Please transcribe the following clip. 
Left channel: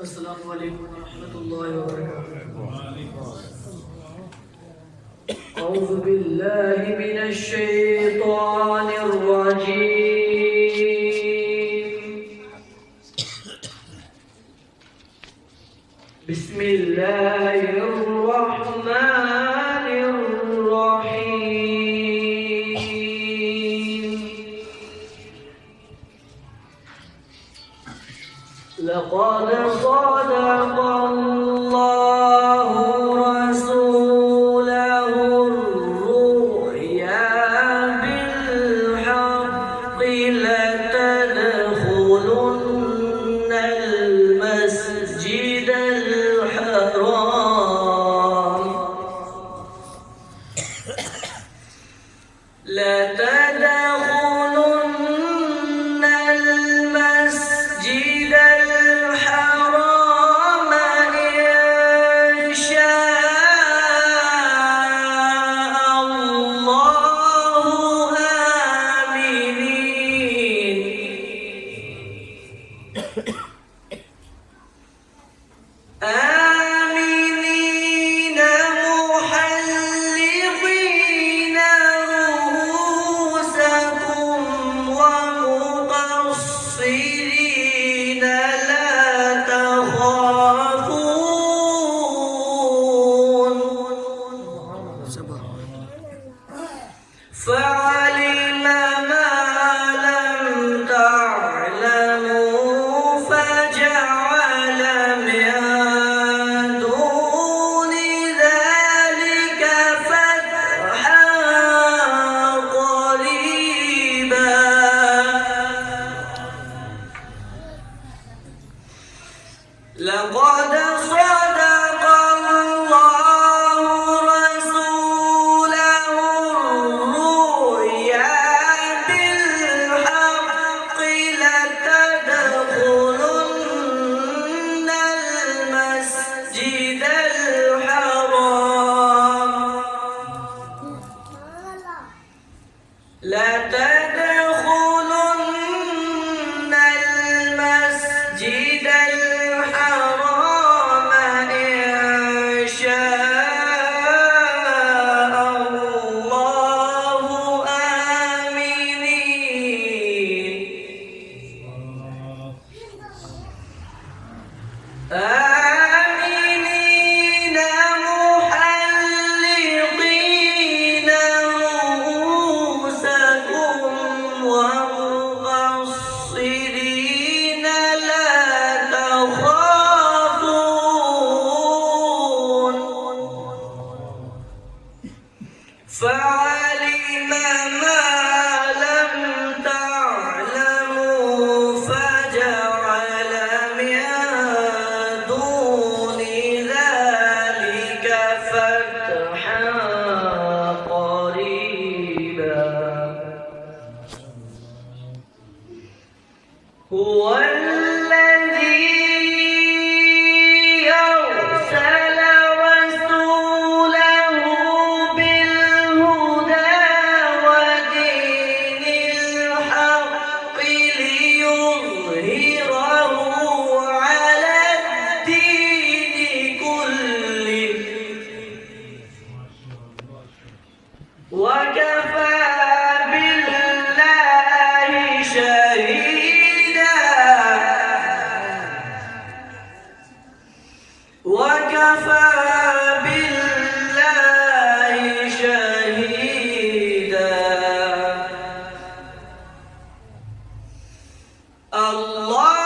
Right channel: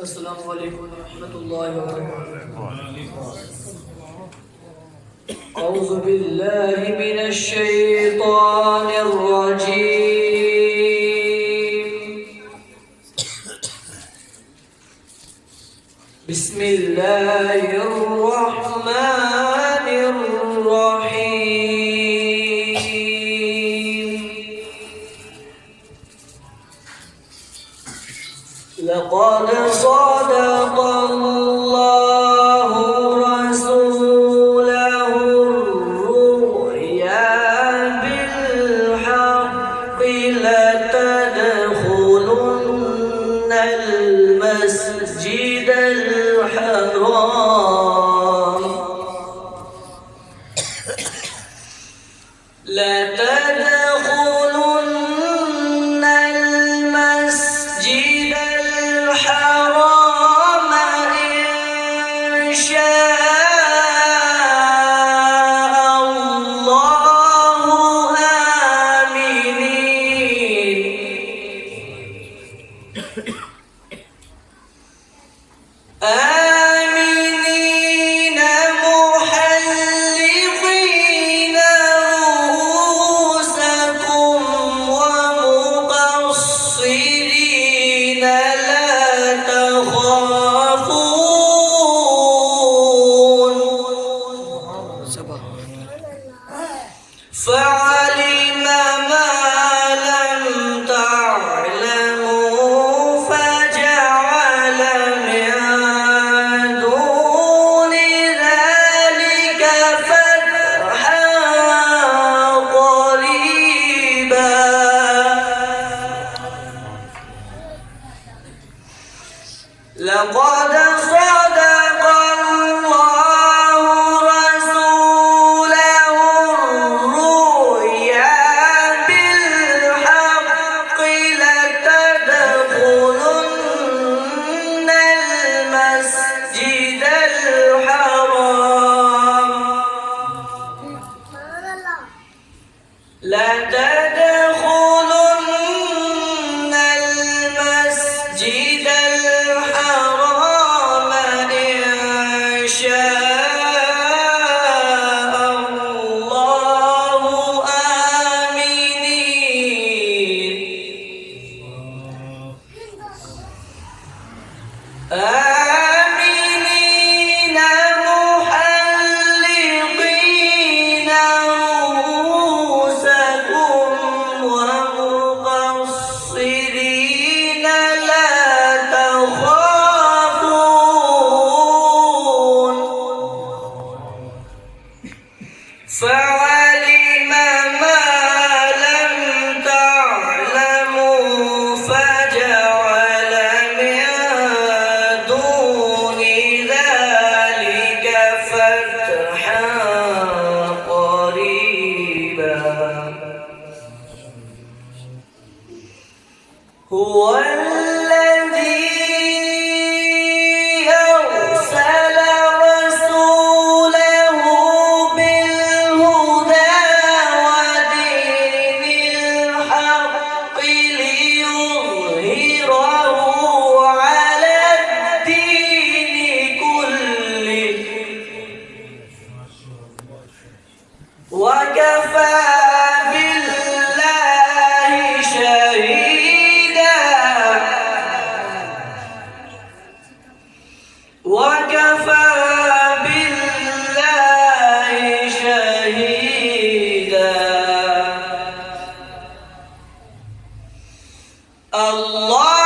السلام عليكم ورحمة الله وبركاته. أعوذ بالله من الشيطان الرجيم. بسم الله الرحمن الرحيم. لقد صدق الله رسوله الرؤيا بالحق لتدخلن المسجد الحرام لتدخلن المسجد الحرام إن شاء الله آمنين محلقين رؤوسكم ومقصرين لا تخافون فعلم ما لم تعلموا فجعل من دون ذلك فتحا قريبا. لقد صدق الله رسوله الرؤيا بالحق لتدخلن المسجد الحرام لتدخلن المسجد الحرام إن شاء الله آمنين محلقين رؤوسكم ومقصرين لا تخافون فعلم ما لم تعلموا فجعل من دون ذلك فتحا قريبا. هو الذي أرسل رسوله بالهدى ودين الحق ليظهره على الدين كله وكفى بالله شهيدا. وكفى بالله شهيدا. الله